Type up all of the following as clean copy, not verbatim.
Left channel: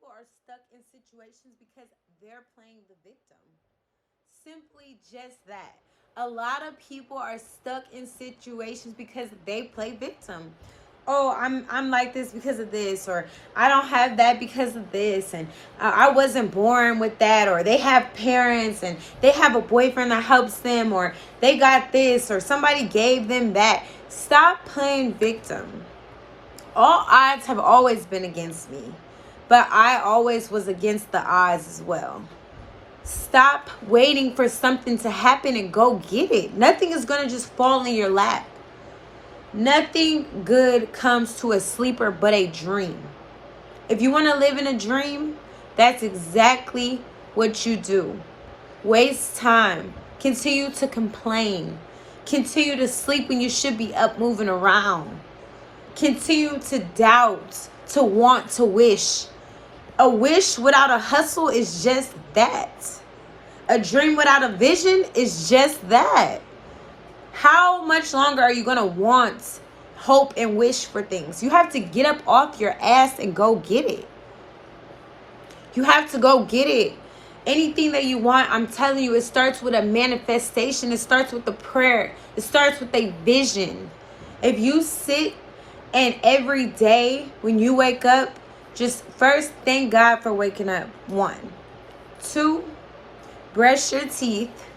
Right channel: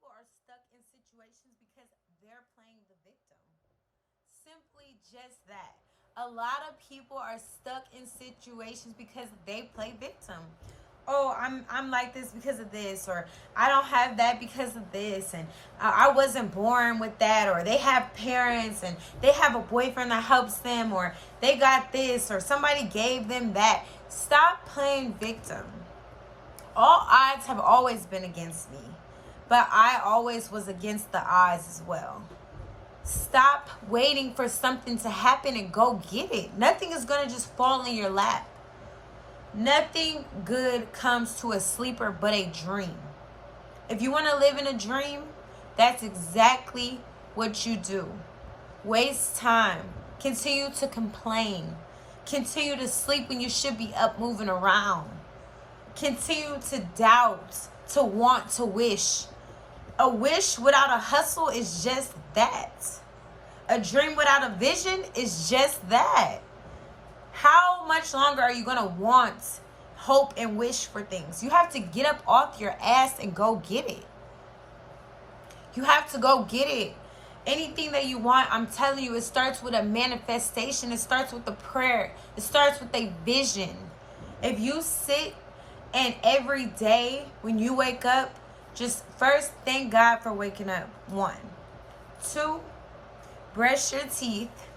people are stuck in situations because they're playing the victim. Simply just that. A lot of people are stuck in situations because they play victim. Oh, I'm like this because of this, or I don't have that because of this, and I wasn't born with that, or they have parents and they have a boyfriend that helps them, or they got this, or somebody gave them that. Stop playing victim. All odds have always been against me, but I always was against the odds as well. Stop waiting for something to happen and go get it. Nothing is going to just fall in your lap. Nothing good comes to a sleeper but a dream. If you want to live in a dream, that's exactly what you do. Waste time. Continue to complain. Continue to sleep when you should be up moving around. Continue to doubt, to want, to wish. A wish without a hustle is just that. A dream without a vision is just that. How much longer are you going to want, hope, and wish for things? You have to get up off your ass and go get it. You have to go get it. Anything that you want, I'm telling you, it starts with a manifestation. It starts with a prayer. It starts with a vision. If you sit and every day when you wake up, just first thank God for waking up. 1. 2, brush your teeth.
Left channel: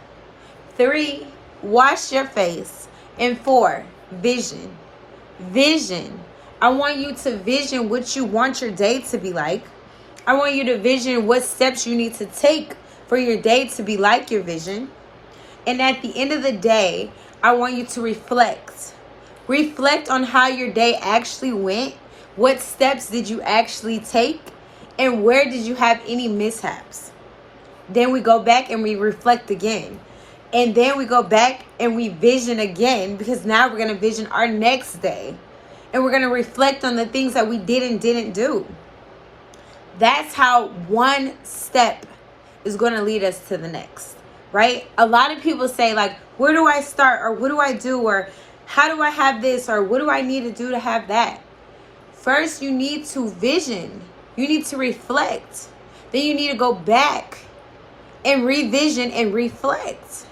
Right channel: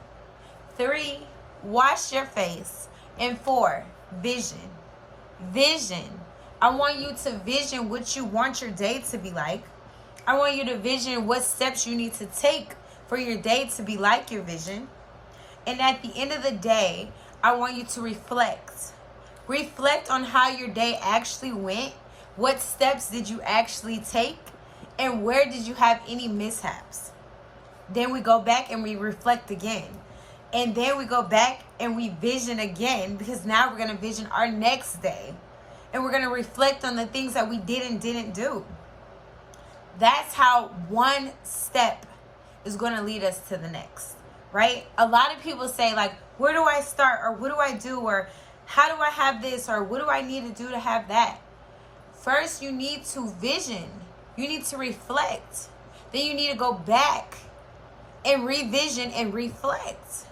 3, wash your face. And 4, vision. Vision. I want you to vision what you want your day to be like. I want you to vision what steps you need to take for your day to be like your vision. And at the end of the day, I want you to reflect. Reflect on how your day actually went. What steps did you actually take? And where did you have any mishaps? Then we go back and we reflect again. And then we go back and we vision again, because now we're going to vision our next day. And we're going to reflect on the things that we did and didn't do. That's how one step is going to lead us to the next, right? A lot of people say, like, where do I start? Or what do I do? Or how do I have this? Or what do I need to do to have that? First, you need to vision. You need to reflect. Then you need to go back and revision and reflect.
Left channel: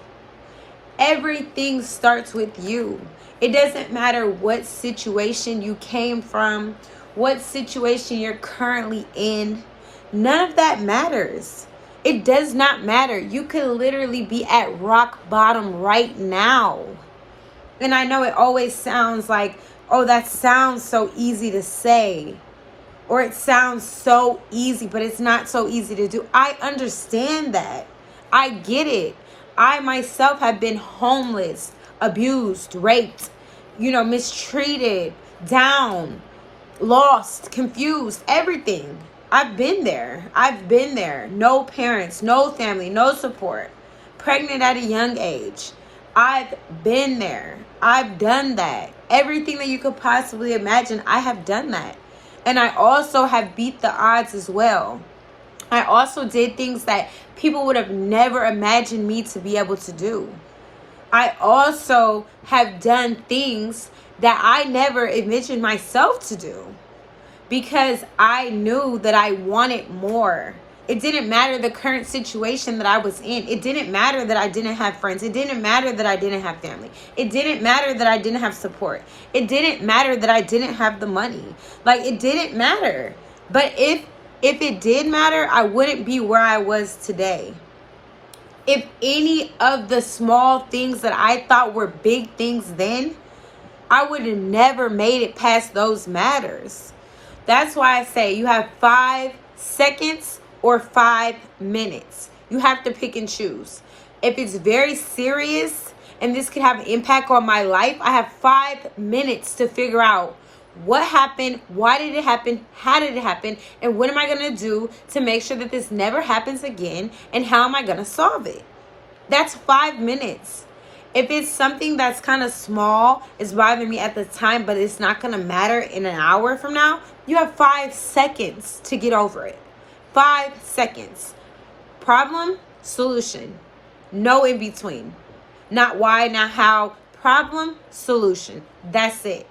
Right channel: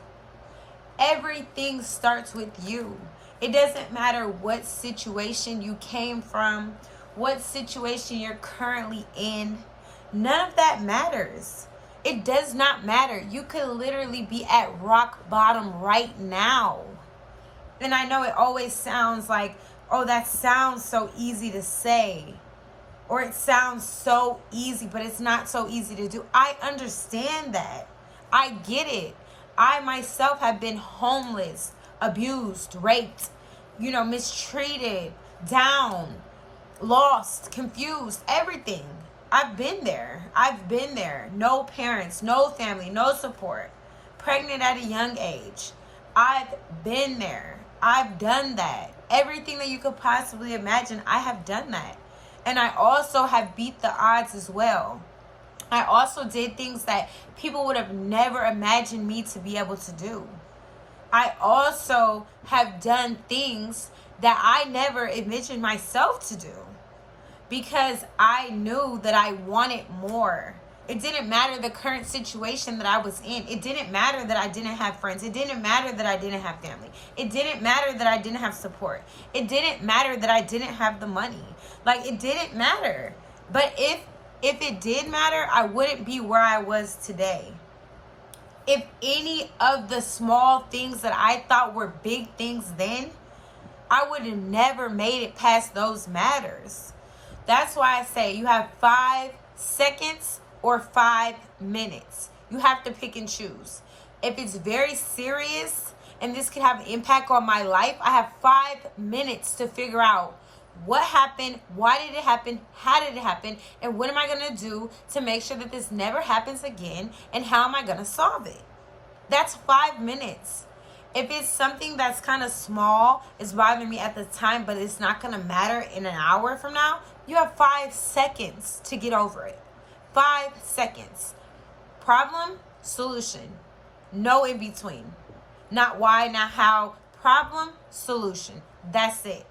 Everything starts with you. It doesn't matter what situation you came from, what situation you're currently in. None of that matters. It does not matter. You could literally be at rock bottom right now. And I know it always sounds like, oh, that sounds so easy to say. Or it sounds so easy, but it's not so easy to do. I understand that. I get it. I myself have been homeless, abused, raped, mistreated, down, lost, confused, everything. I've been there. No parents, no family, no support. Pregnant at a young age. I've been there. I've done that. Everything that you could possibly imagine, I have done that. And I also have beat the odds as well. I also did things that people would have never imagined me to be able to do. I also have done things that I never envisioned myself to do, because I knew that I wanted more. It didn't matter the current situation that I was in. It didn't matter that I didn't have friends. It didn't matter that I didn't have family. It didn't matter that I didn't have support. It didn't matter that I didn't have the money. Like, it didn't matter. But if it did matter, I wouldn't be where I was today. If any of the small things that I thought were big things then, I would have never made it past those matters. That's why I say you have 5 seconds or 5 minutes. You have to pick and choose. If it's very serious and this could have an impact on my life, I have 5 minutes to figure out what happened, why did it happen, how did it happen, and what am I going to do to make sure that this never happens again, and how am I going to solve it? That's 5 minutes. If it's something that's kind of small, it's bothering me at the time, but it's not going to matter in an hour from now, you have 5 seconds to get over it. 5 seconds. Problem, solution. No in between. Not why, not how. Problem, solution. That's it.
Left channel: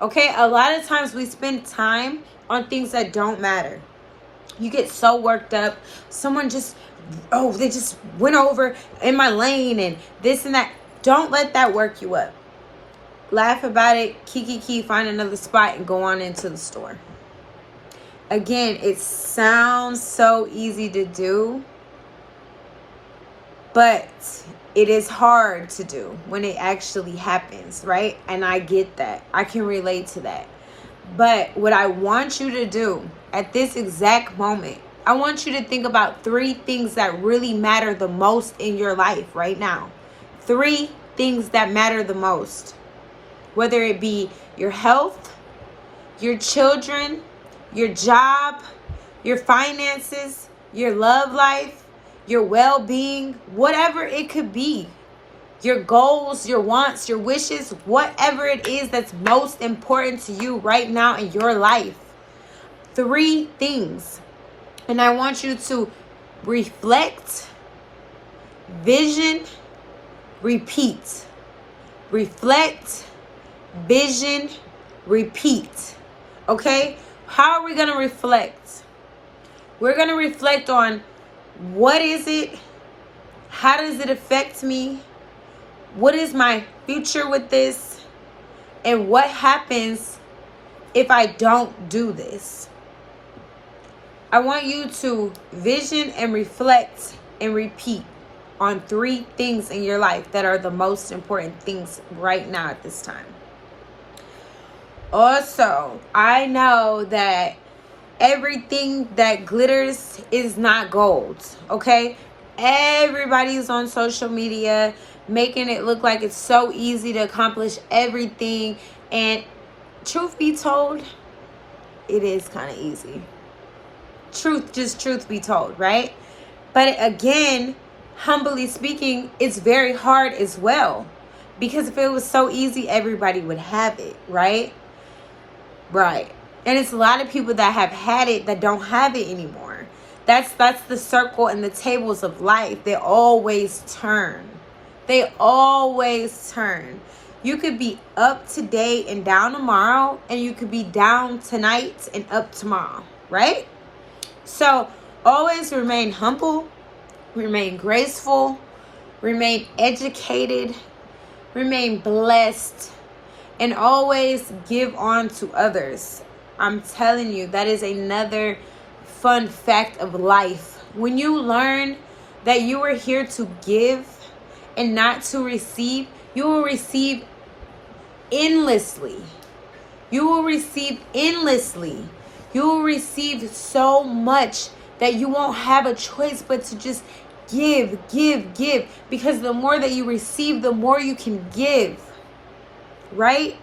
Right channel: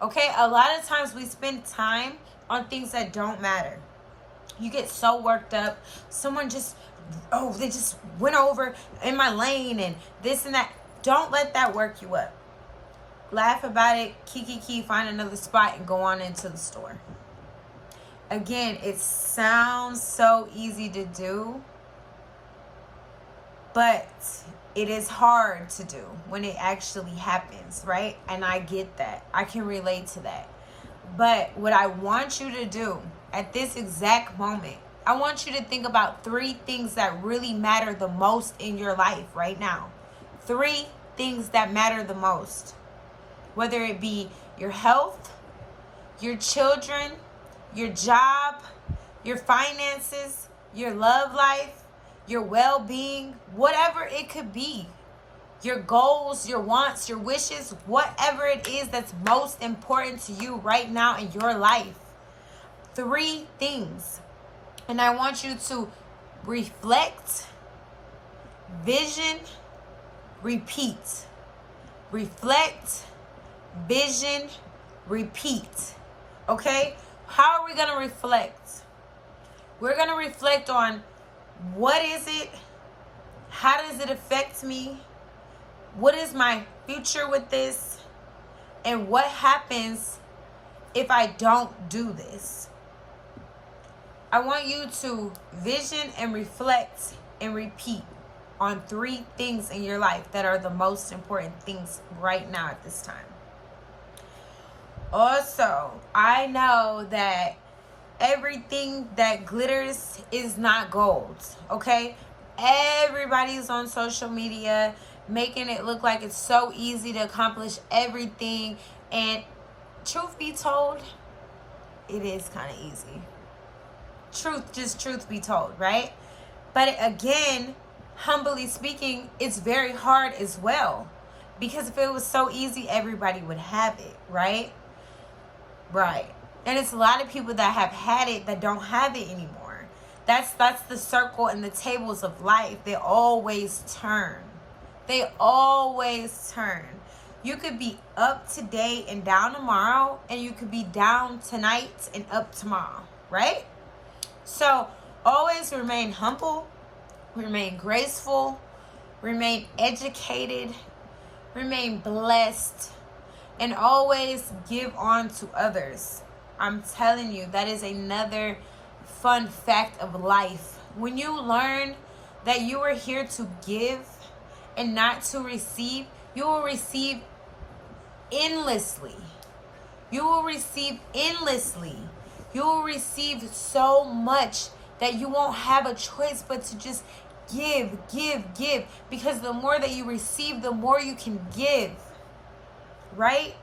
Okay? A lot of times we spend time on things that don't matter. You get so worked up. Someone just, they just went over in my lane and this and that. Don't let that work you up. Laugh about it, kiki, find another spot and go on into the store. Again, it sounds so easy to do, but it is hard to do when it actually happens, right? And I get that. I can relate to that. But what I want you to do at this exact moment, I want you to think about 3 things that really matter the most in your life right now. 3 things that matter the most. Whether it be your health, your children, your job, your finances, your love life, your well-being, whatever it could be. Your goals, your wants, your wishes, whatever it is that's most important to you right now in your life. 3 things. And I want you to reflect, vision, repeat. Reflect, vision, repeat. Okay? How are we going to reflect? We're going to reflect on what is it? How does it affect me? What is my future with this? And what happens if I don't do this? I want you to vision and reflect and repeat on 3 things in your life that are the most important things right now at this time. Also, I know that everything that glitters is not gold, okay? Everybody's on social media making it look like it's so easy to accomplish everything. And truth be told, it is kind of easy. Truth be told, right? But again, humbly speaking, it's very hard as well. Because if it was so easy, everybody would have it, right? Right. And it's a lot of people that have had it that don't have it anymore. That's the circle and the tables of life. They always turn. They always turn. You could be up today and down tomorrow, and you could be down tonight and up tomorrow, right? So always remain humble, remain graceful, remain educated, remain blessed, and always give on to others. I'm telling you, that is another fun fact of life. When you learn that you are here to give and not to receive, you will receive endlessly. You will receive endlessly. You will receive so much that you won't have a choice but to just give. Because the more that you receive, the more you can give. Right?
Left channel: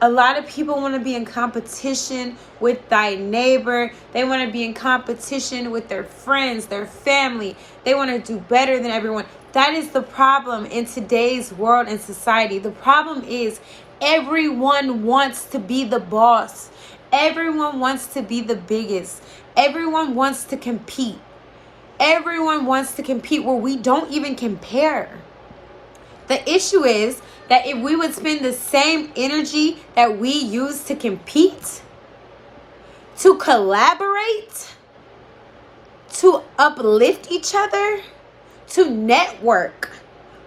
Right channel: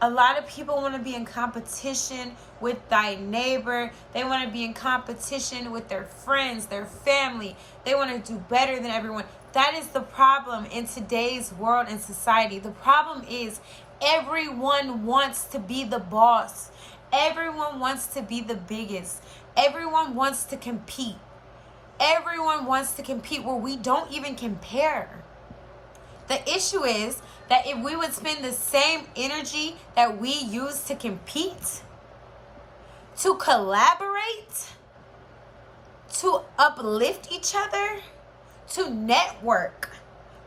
A lot of people want to be in competition with thy neighbor. They want to be in competition with their friends, their family. They want to do better than everyone. That is the problem in today's world and society. The problem is everyone wants to be the boss. Everyone wants to be the biggest. Everyone wants to compete. Everyone wants to compete where we don't even compare. The issue is that if we would spend the same energy that we use to compete, to collaborate, to uplift each other, to network,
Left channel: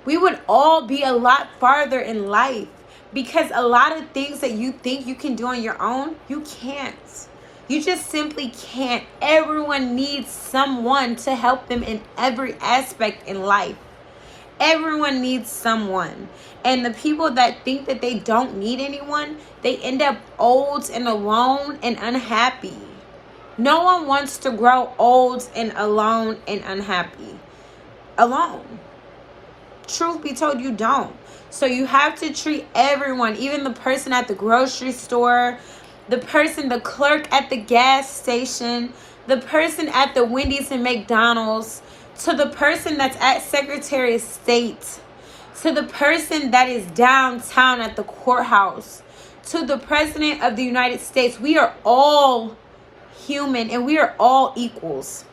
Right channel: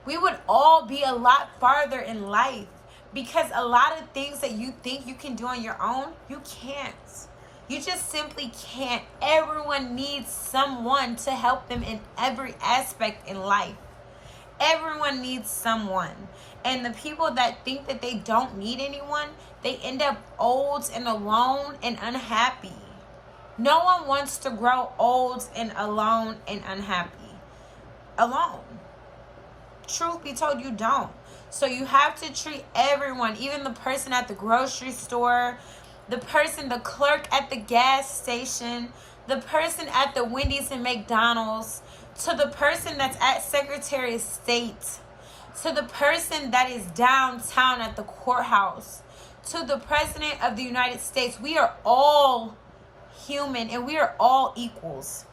we would all be a lot farther in life. Because a lot of things that you think you can do on your own, you can't. You just simply can't. Everyone needs someone to help them in every aspect in life. Everyone needs someone. And the people that think that they don't need anyone, they end up old and alone and unhappy. No one wants to grow old and alone and unhappy. Alone. Truth be told, you don't. So you have to treat everyone, even the person at the grocery store, the clerk at the gas station, the person at the Wendy's and McDonald's, to the person that's at Secretary of State, to the person that is downtown at the courthouse, to the President of the United States. We are all human and we are all equals.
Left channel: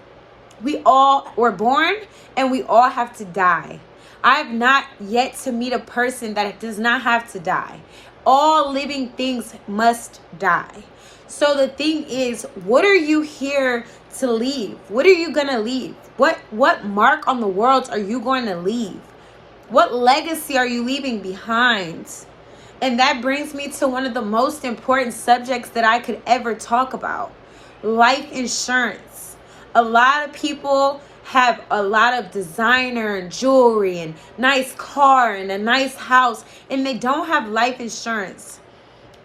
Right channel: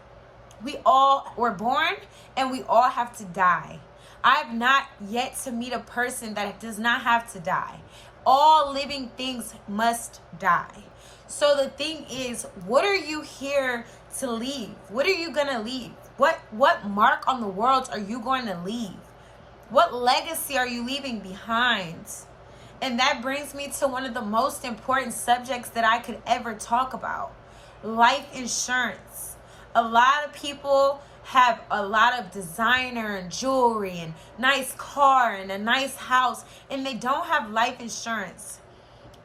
We all were born and we all have to die. I have not yet to meet a person that does not have to die. All living things must die. So the thing is, what are you here to leave? What are you going to leave? What mark on the world are you going to leave? What legacy are you leaving behind? And that brings me to one of the most important subjects that I could ever talk about. Life insurance. A lot of people have a lot of designer and jewelry and nice car and a nice house, and they don't have life insurance.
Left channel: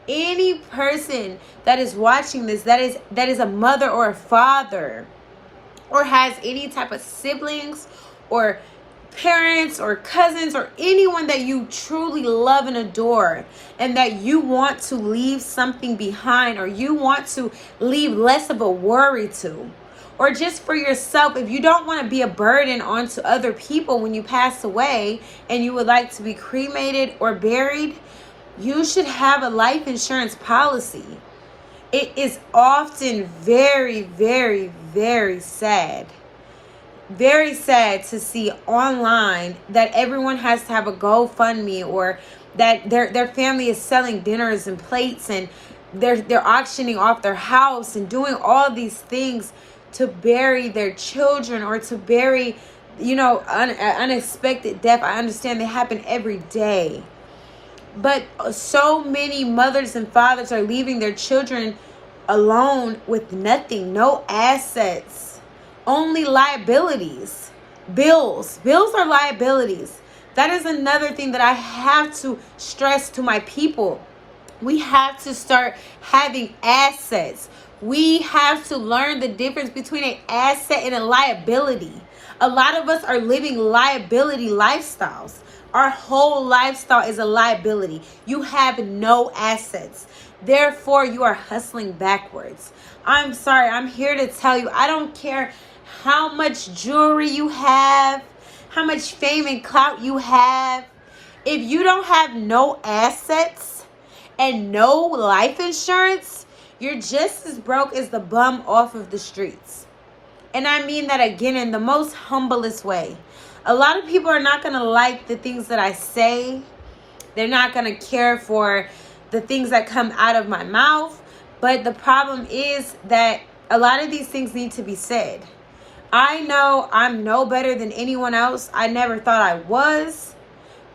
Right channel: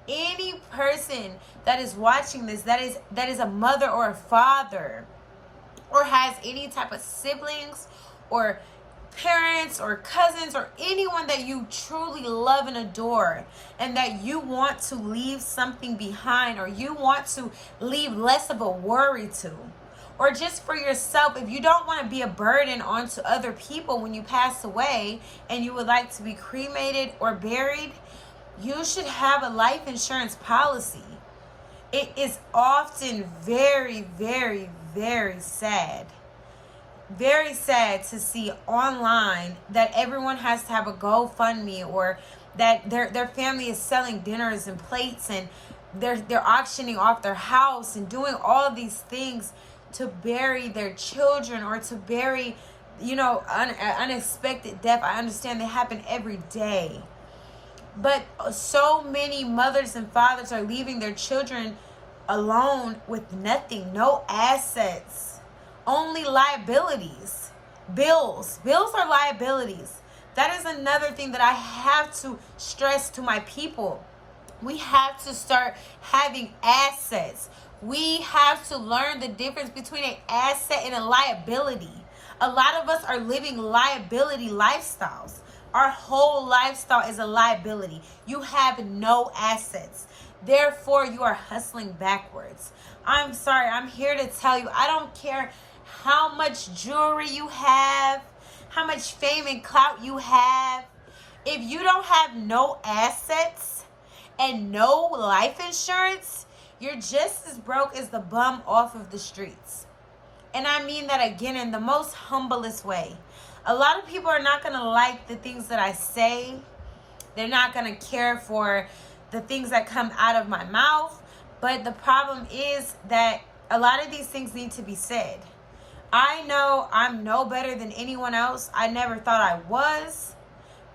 Any person that is watching this, that is a mother or a father, or has any type of siblings or parents or cousins or anyone that you truly love and adore, and that you want to leave something behind, or you want to leave less of a worry to, or just for yourself, if you don't want to be a burden onto other people when you pass away and you would like to be cremated or buried, you should have a life insurance policy. It is often very, very, very sad. Very sad to see online that everyone has to have a GoFundMe, or that their family is selling dinners and plates, and they're auctioning off their house and doing all these things to bury their children, or to bury, unexpected death. I understand they happen every day. But so many mothers and fathers are leaving their children alone with nothing, no assets, only liabilities. Bills are liabilities. That is another thing that I have to stress to my people. We have to start having assets. We have to learn the difference between an asset and a liability. A lot of us are living liability lifestyles. Our whole lifestyle is a liability. You have no assets. Therefore, you are hustling backwards. I'm sorry. I'm here to tell you, I don't care how much jewelry you have, how much fame and clout you have. If you don't have no assets and no life insurance, you're just as broke as the bum off of the streets. And I mean that again in the most humblest way. A lot of people are not going to like the things that I say. They're not going to care for the things that come out of my mouth. But the problem is that a lot of these things need to be said. I know I'm no better than anyone else. I never thought I was.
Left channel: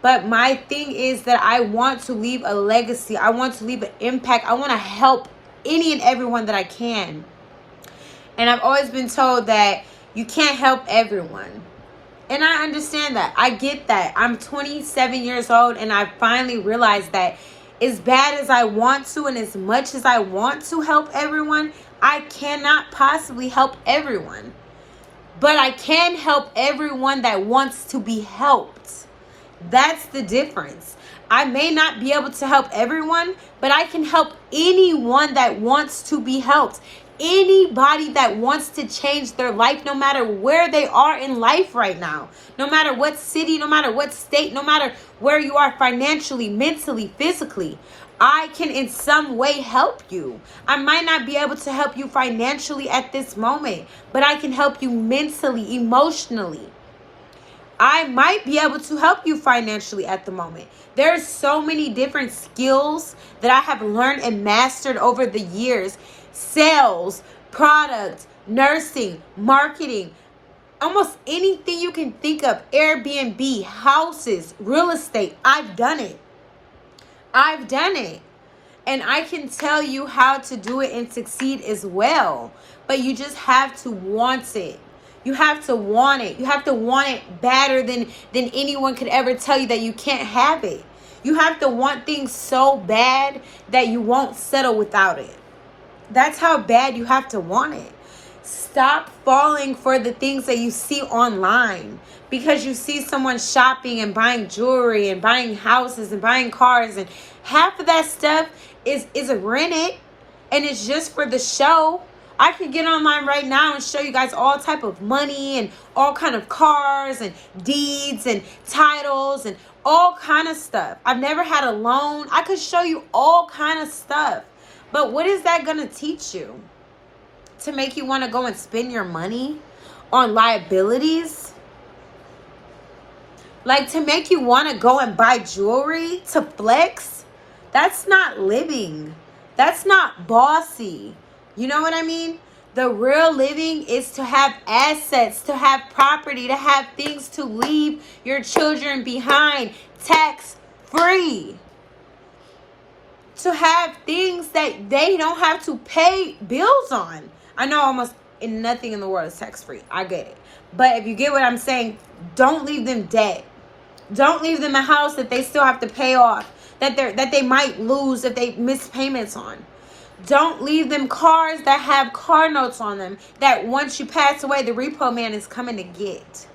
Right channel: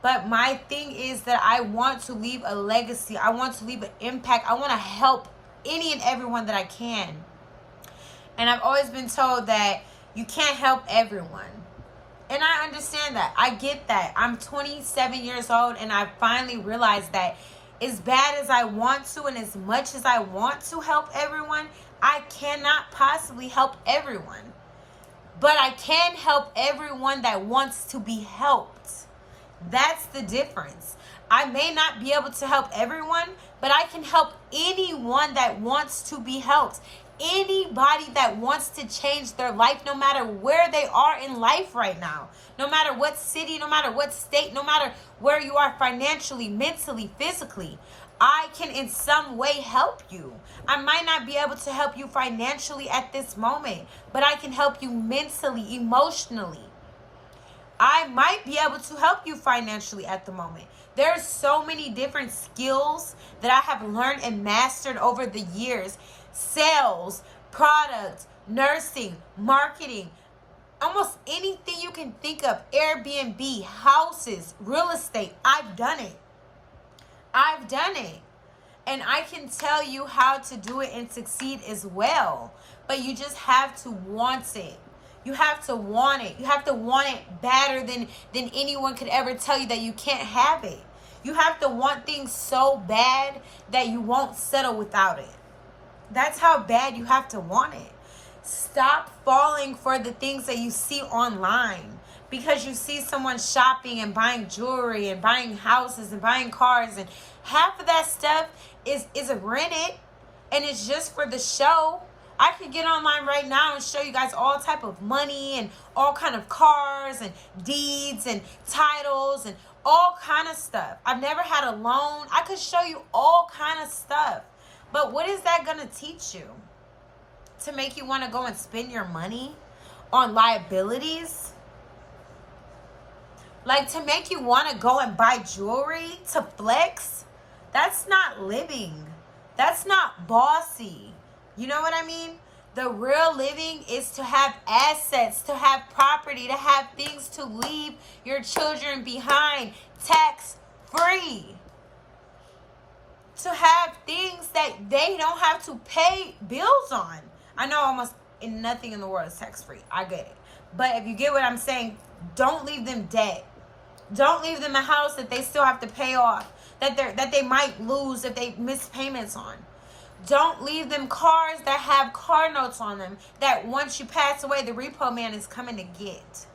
But my thing is that I want to leave a legacy. I want to leave an impact. I want to help any and everyone that I can. And I've always been told that you can't help everyone. And I understand that. I get that. I'm 27 years old, and I finally realized that as bad as I want to, and as much as I want to help everyone, I cannot possibly help everyone. But I can help everyone that wants to be helped. That's the difference. I may not be able to help everyone, but I can help anyone that wants to be helped. Anybody that wants to change their life, no matter where they are in life right now, no matter what city, no matter what state, no matter where you are financially, mentally, physically, I can in some way help you. I might not be able to help you financially at this moment, but I can help you mentally, emotionally. I might be able to help you financially at the moment. There's so many different skills that I have learned and mastered over the years. Sales, product, nursing, marketing, almost anything you can think of, Airbnb, houses, real estate. I've done it. And I can tell you how to do it and succeed as well. But you just have to want it. You have to want it. You have to want it better than anyone could ever tell you that you can't have it. You have to want things so bad that you won't settle without it. That's how bad you have to want it. Stop falling for the things that you see online, because you see someone shopping and buying jewelry and buying houses and buying cars, and half of that stuff is rented, and it's just for the show. I could get online right now and show you guys all type of money and all kind of cars and deeds and titles and all kind of stuff. I've never had a loan. I could show you all kind of stuff. But what is that going to teach you? To make you want to go and spend your money on liabilities? Like, to make you want to go and buy jewelry to flex? That's not living. That's not bossy. You know what I mean? The real living is to have assets, to have property, to have things to leave your children behind, tax free. To have things that they don't have to pay bills on. I know almost nothing in the world is tax free. I get it. But if you get what I'm saying, don't leave them debt. Don't leave them a house that they still have to pay off, that they might lose if they miss payments on. Don't leave them cars that have car notes on them that once you pass away, the repo man is coming to get.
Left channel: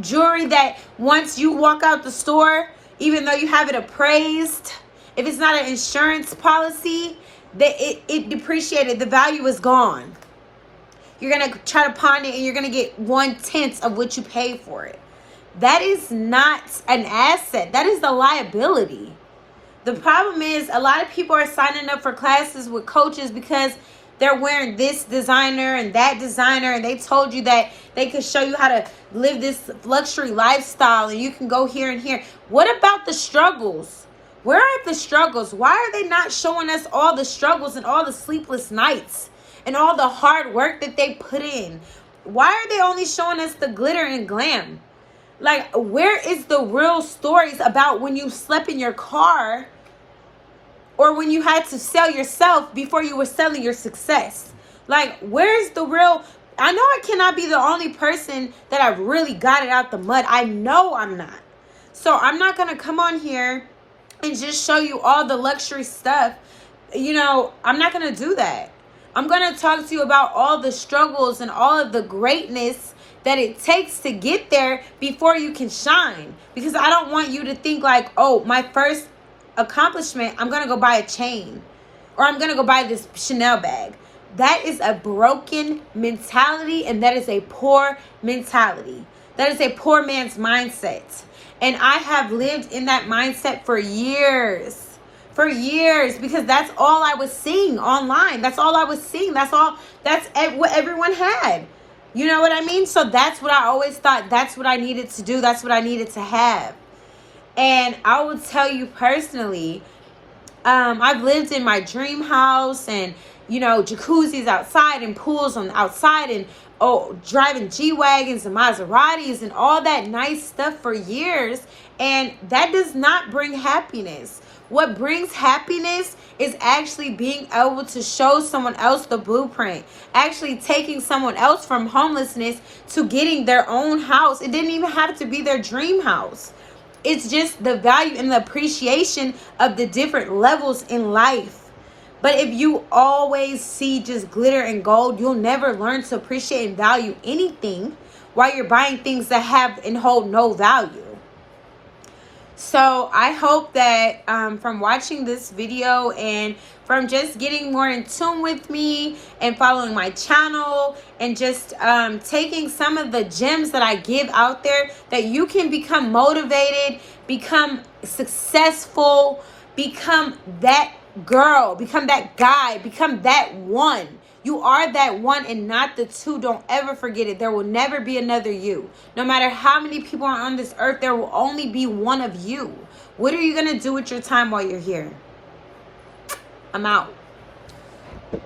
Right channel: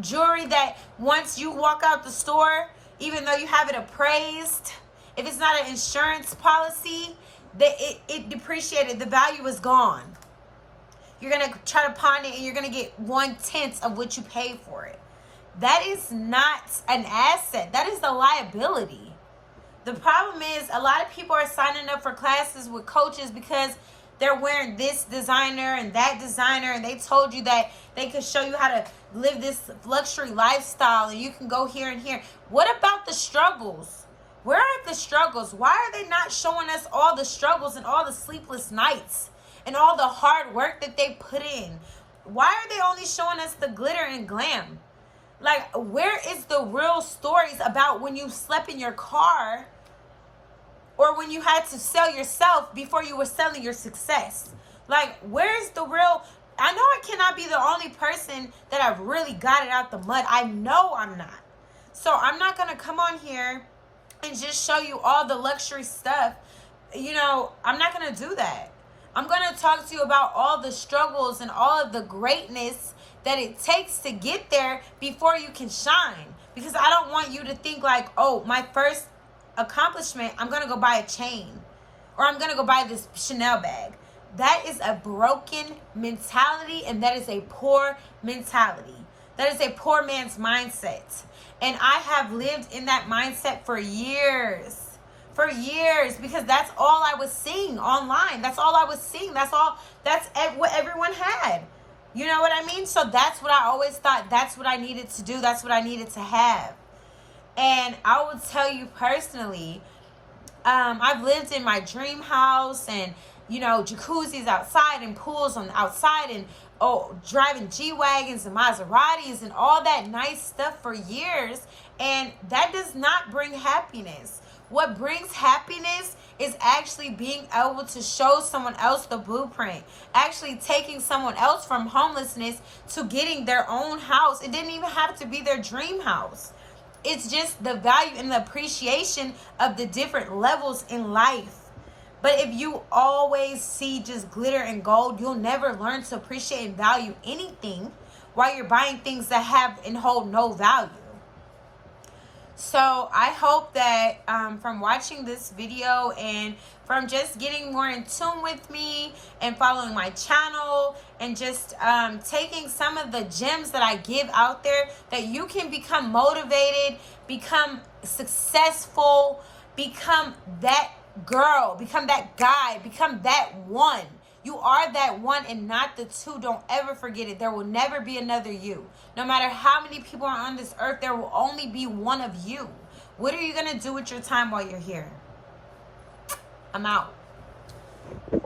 Jewelry that once you walk out the store, even though you have it appraised, if it's not an insurance policy, it depreciated. The value is gone. You're going to try to pawn it and you're going to get 1/10 of what you pay for it. That is not an asset. That is a liability. The problem is a lot of people are signing up for classes with coaches because they're wearing this designer and that designer, and they told you that they could show you how to live this luxury lifestyle and you can go here and here. What about the struggles? Where are the struggles? Why are they not showing us all the struggles and all the sleepless nights and all the hard work that they put in? Why are they only showing us the glitter and glam? Like, where is the real stories about when you slept in your car or when you had to sell yourself before you were selling your success? Like, where's the real? I know I cannot be the only person that I've really got it out the mud. I know I'm not. So I'm not going to come on here and just show you all the luxury stuff. You know, I'm not going to do that. I'm going to talk to you about all the struggles and all of the greatness that it takes to get there before you can shine. Because I don't want you to think like, oh, my first accomplishment, I'm going to go buy a chain or I'm going to go buy this Chanel bag. That is a broken mentality, and that is a poor mentality. That is a poor man's mindset. And I have lived in that mindset for years. For years, because that's all I was seeing online. That's all I was seeing. That's what everyone had. You know what I mean? So that's what I always thought. That's what I needed to do. That's what I needed to have. And I will tell you personally, I've lived in my dream house and, you know, jacuzzis outside and pools on the outside and driving G-Wagons and Maseratis and all that nice stuff for years. And that does not bring happiness. What brings happiness is actually being able to show someone else the blueprint. Actually taking someone else from homelessness to getting their own house. It didn't even have to be their dream house. It's just the value and the appreciation of the different levels in life. But if you always see just glitter and gold, you'll never learn to appreciate and value anything while you're buying things that have and hold no value. So I hope that from watching this video and from just getting more in tune with me and following my channel and just taking some of the gems that I give out there, that you can become motivated, become successful, become that girl, become that guy, become that one. You are that one and not the two. Don't ever forget it. There will never be another you. No matter how many people are on this earth, there will only be one of you. What are you going to do with your time while you're here? I'm out.